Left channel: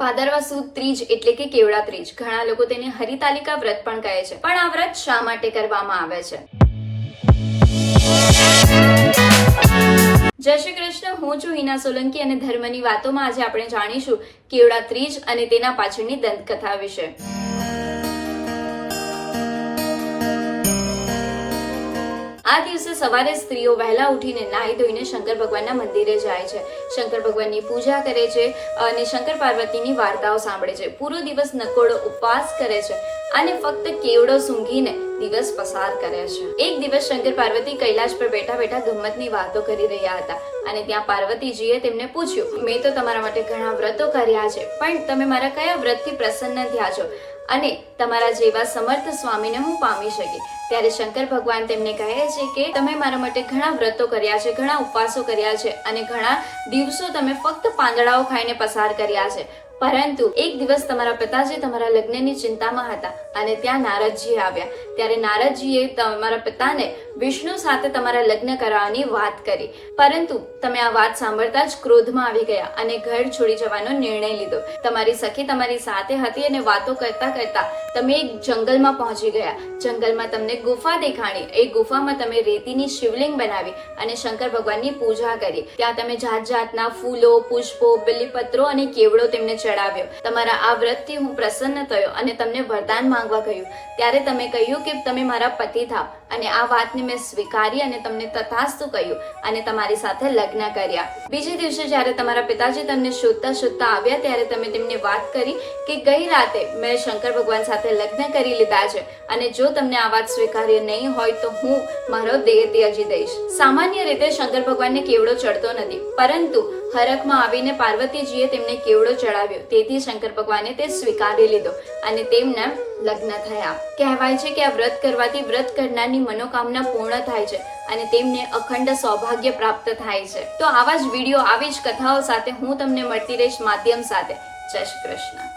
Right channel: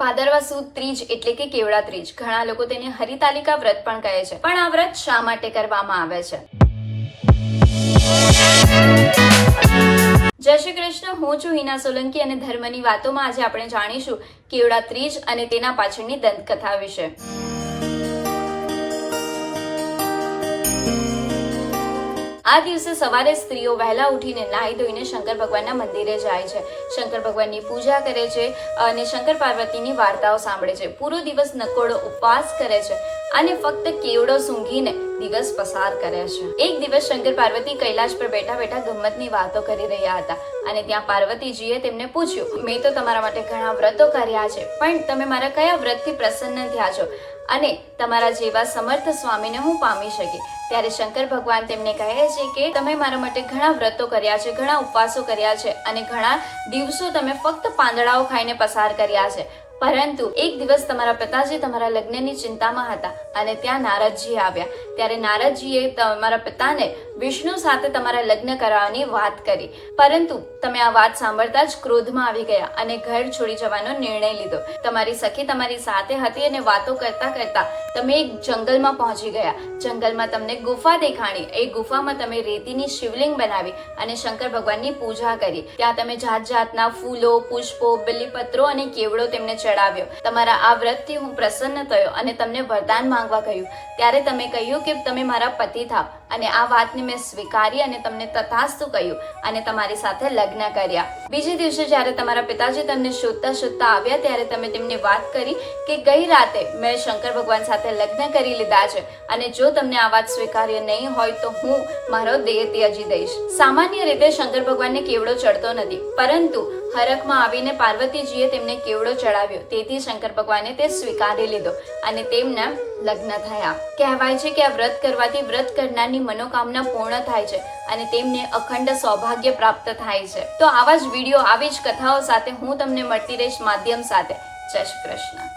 ભાદરવા સુદ ત્રીજ એટલે કે કેવડા ત્રીજ. ઘણા લોકો તેને હરિતાલિકા વ્રત પણ કહે છે. પણ આ વ્રત શા માટે કરવામાં આવે છે? જય શ્રી કૃષ્ણ. હું છું હિના સોલંકી અને ધર્મની વાતોમાં આજે આપણે જાણીશું કેવડા ત્રીજ અને તેના પાછળની દંતકથા વિશે. આ દિવસે સવારે સ્ત્રીઓ વહેલા ઉઠીને નાહી ધોઈને શંકર ભગવાનના મંદિરે જાય છે. શંકર ભગવાનની પૂજા કરે છે અને શંકર પાર્વતીની વાર્તાઓ સાંભળે છે. પૂરો દિવસ નકોડો ઉપવાસ કરે છે અને ફક્ત કેવડો સૂંઘીને દિવસ પસાર કરે છે. એક દિવસ શંકર પાર્વતી કૈલાશ પર બેઠા બેઠા ગમ્મતની વાતો કરી રહ્યા હતા અને ત્યાં પાર્વતીજીએ તેમને પૂછ્યું, મેં તો તમારા માટે ઘણા વ્રતો કર્યા છે, પણ તમે મારા કયા વ્રતથી પ્રસન્ન થયા છો અને તમારા જેવા સમર્થ સ્વામીને હું પામી શકી? ત્યારે શંકર ભગવાન તેમને કહે છે કે તમે મારા માટે ઘણા વ્રતો કર્યા છે, ઘણા ઉપવાસો કર્યા છે અને ઘણા દિવસો તમે ફક્ત પાંદડાઓ ખાઈને પસાર કર્યા છે, પરંતુ એક દિવસ તમારા પિતાજી તમારા લગ્નની ચિંતામાં હતા અને ત્યાં નારદજી આવ્યા. ત્યારે નારદજીએ તમારા પિતાને વિષ્ણુ સાથે તમારા લગ્ન કરવાની વાત કરી, પરંતુ તમે આ વાત સાંભળતા જ ક્રોધમાં આવી ગયા અને ઘર છોડી જવાનો નિર્ણય લીધો. તમારી સખી તમારી સાથે હતી અને વાતો કરતા કરતા તમે એક જંગલમાં પહોંચી ગયા. જંગલમાં તમને ગુફા દેખાણી. એ ગુફામાં તમે રેતીની શિવલિંગ બનાવી અને શંકર ભગવાનની પૂજા કરી. ત્યાં તમે જાત જાતના ફૂલો, પુષ્પો, બિલીપત્રો અને કેવડો તેમને ચડાવ્યો. તમારા આ વ્રતથી હું પ્રસન્ન થયો અને તમને વરદાન માંગવા કહ્યું. ત્યારે તમે કહ્યું કે તમે મારા પતિ થાવ અને આ વાતને મેં સ્વીકારી અને તમને તથાસ્તુ કહ્યું અને તમારી સાથે લગ્ન કર્યા. બીજે દિવસે જ્યારે તમારા પિતાજી તમને શોધતા શોધતા આવ્યા ત્યારે તમે તેમને વાત કરી કે ગઈ રાતે મેં શંકર ભગવાન સાથે લગ્ન કરી લીધા છે અને જો તમને આ વાત સ્વીકાર્ય નહીં હોય તો હું મારો દેહ ત્યજી દઈશ. સામાન્ય રીતે શંકર ભગવાનને કેવડો ચડતો નથી, પરંતુ હરખમાં આવીને પાર્વતીજીએ તેમને કેવડો ચડાવ્યો. તેથી શંકર ભગવાને તે સ્વીકારી લીધો અને તેમના લગ્ન થયા. કહેવાય છે કે આ વ્રત કરવાથી વ્રત કરનારની મનોકામના પૂર્ણ થાય છે અને તેમને અખંડ સૌભાગ્ય પ્રાપ્ત થાય છે. તો આવા જ વિડીયો, આવી જ કથાઓ સાથે હું તમને મળતી રહીશ માધ્યમ સાથે. જય શ્રી કૃષ્ણ.